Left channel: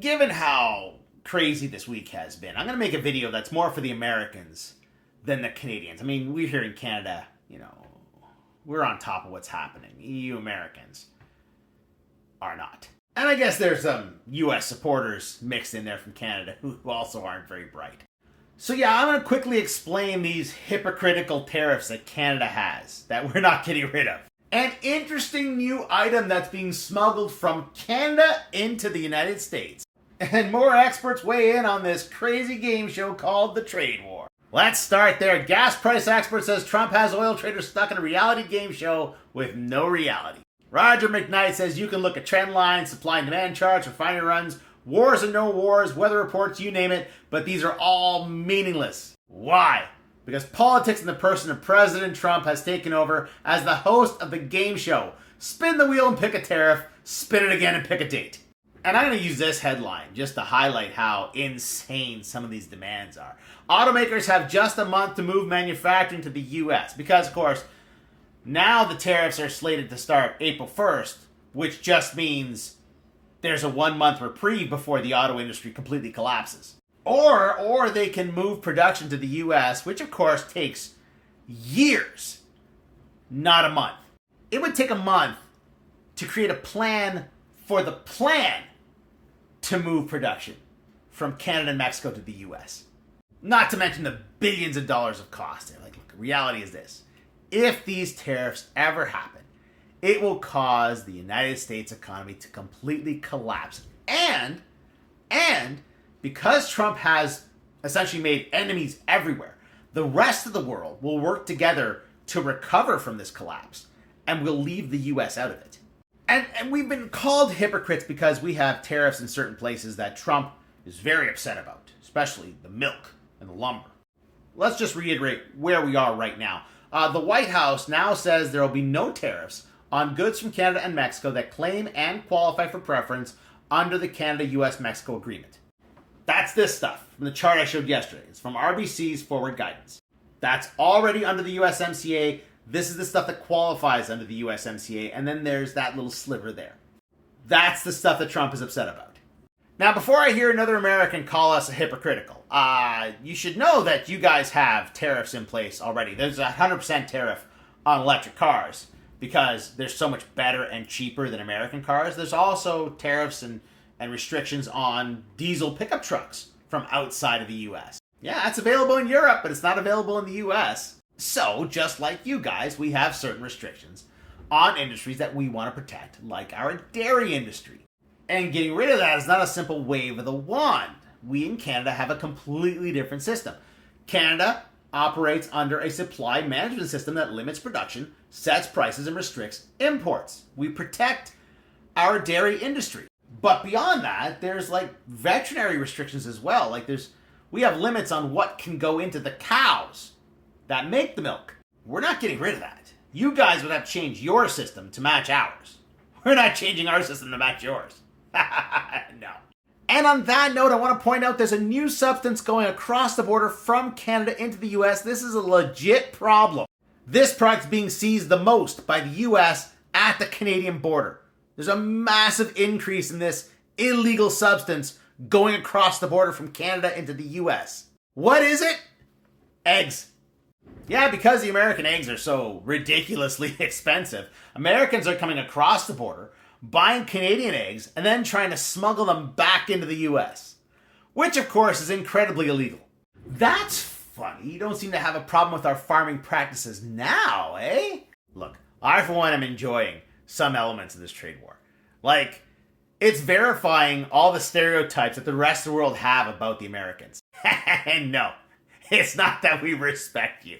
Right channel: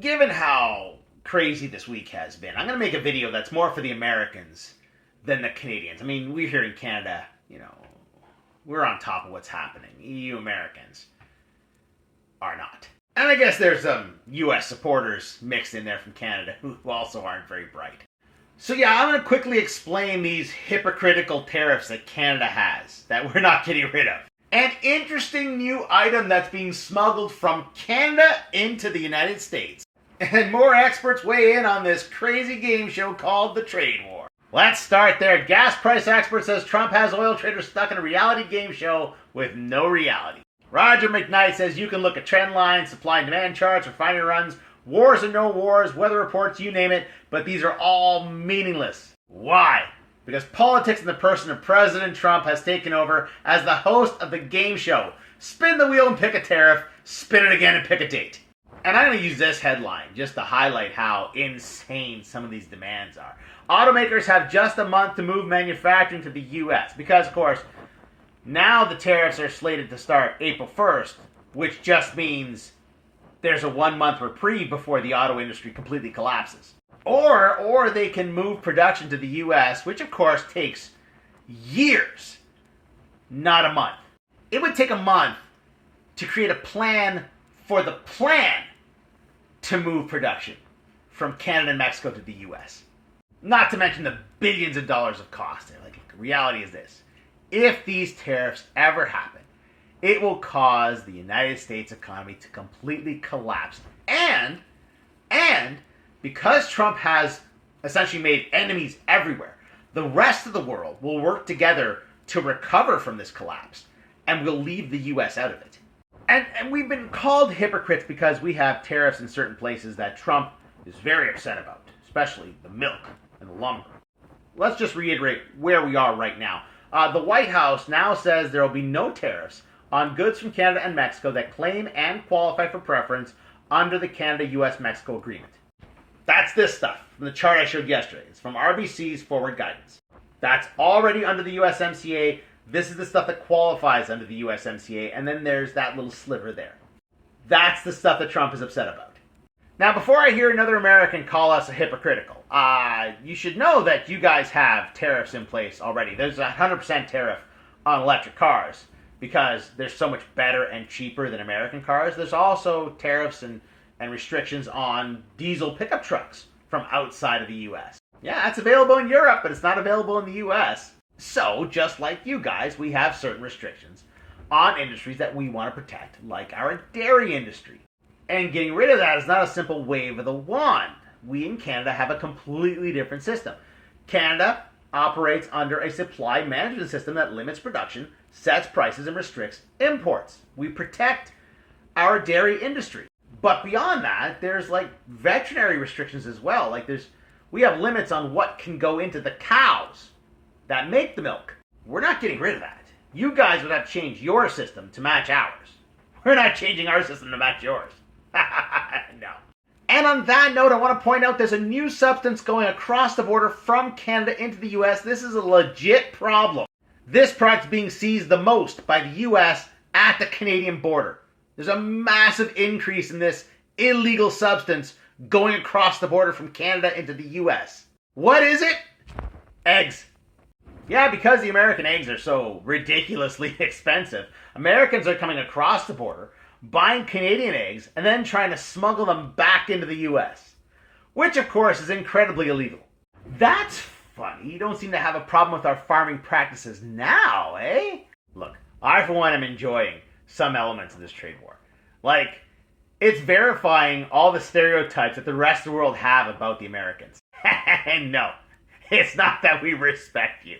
given how crazy this week has been, I'm going to make a video that's more for the Americans than the Canadians. I mean, we're here in Canada, we're on top of what's happening. EU Americans are not. And I guess there's some US supporters mixed in there from Canada who also aren't very bright. So yeah, I'm going to quickly explain these hypocritical tariffs that Canada has that we're not getting rid of. An interesting new item that's being smuggled from Canada into the United States. And more experts weigh in on this crazy game show called the Trade War. Let's start there. Gas price expert says Trump has oil traders stuck in a reality game show with no reality. Roger McKnight says you can look at trend lines, supply and demand charts, refinery runs, wars and no wars, weather reports, you name it, but these are all meaningless. Why? Because politics in the person of President Trump has taken over as the host of the game show. Spin the wheel and pick a tariff, spin it again and pick a date. And I'm going to use this headline just to highlight how insane some of these demands are. Automakers have just a month to move manufacturing to the U.S. because, of course, now the tariffs are slated to start April 1st, which just means there's a 1-month reprieve before the auto industry completely collapses. Or they can move production to the U.S., which of course takes years, not a month. It would take a month to create a plan for the plan to move production from Canada and Mexico to the U.S. Not to mention the billions of dollars of cost there. Like, the reality is this. If these tariffs ever happen, it will cause the United States economy to completely collapse. And because Trump has essentially made enemies everywhere, the rest of the world will work together to recover from this collapse, and will leave the U.S. out of it. And we've been called hypocrites because we have tariffs in certain places that Trump is very upset about, especially the milk and the lumber. Let's just reiterate where we are right now. The White House now says there will be no tariffs on goods from Canada and Mexico that claim and qualify for preference under the Canada-US-Mexico agreement. That's this stuff from the chart I showed yesterday. It's from RBC's Forward Guidance. That's already under the USMCA. This is the stuff that qualifies under the USMCA, and then there's that little sliver there. That's the stuff that Trump is upset about. Now, before I hear another American call us hypocritical, you should know that you guys have tariffs in place already. There's a 100% tariff on electric cars because they're so much better and cheaper than American cars. There's also tariffs and restrictions on diesel pickup trucks from outside of the U.S. Yeah, it's available in Europe, but it's not available in the U.S. So, just like you guys, we have certain restrictions on industries that we want to protect, like our dairy industry. And getting rid of that is not a simple wave of the wand. We in Canada have a completely different system. Canada operates under a supply management system that limits production, sets prices, and restricts imports. We protect our dairy industry. But beyond that, there's like veterinary restrictions as well. We have limits on what can go into the cows that make the milk. We're not getting rid of that. You guys would have to change your system to match ours. We're not changing our system to match yours. No. And on that note, I want to point out there's a new substance going across the border from Canada into the US. This is a legit problem. This product's being seized the most by the US at the Canadian border. There's a massive increase in this illegal substance going across the border from Canada into the US. What is it? Eggs. Yeah, because the American eggs are so ridiculously expensive, Americans are coming across the border, buying Canadian eggs, and then trying to smuggle them back into the US. Which, of course, is incredibly illegal. That's funny. You don't seem to have a problem with our farming practices now, eh? Look, I, for one, am enjoying some elements of this trade war. Like, it's verifying all the stereotypes that the rest of the world have about the Americans. And no, it's not that we respect you.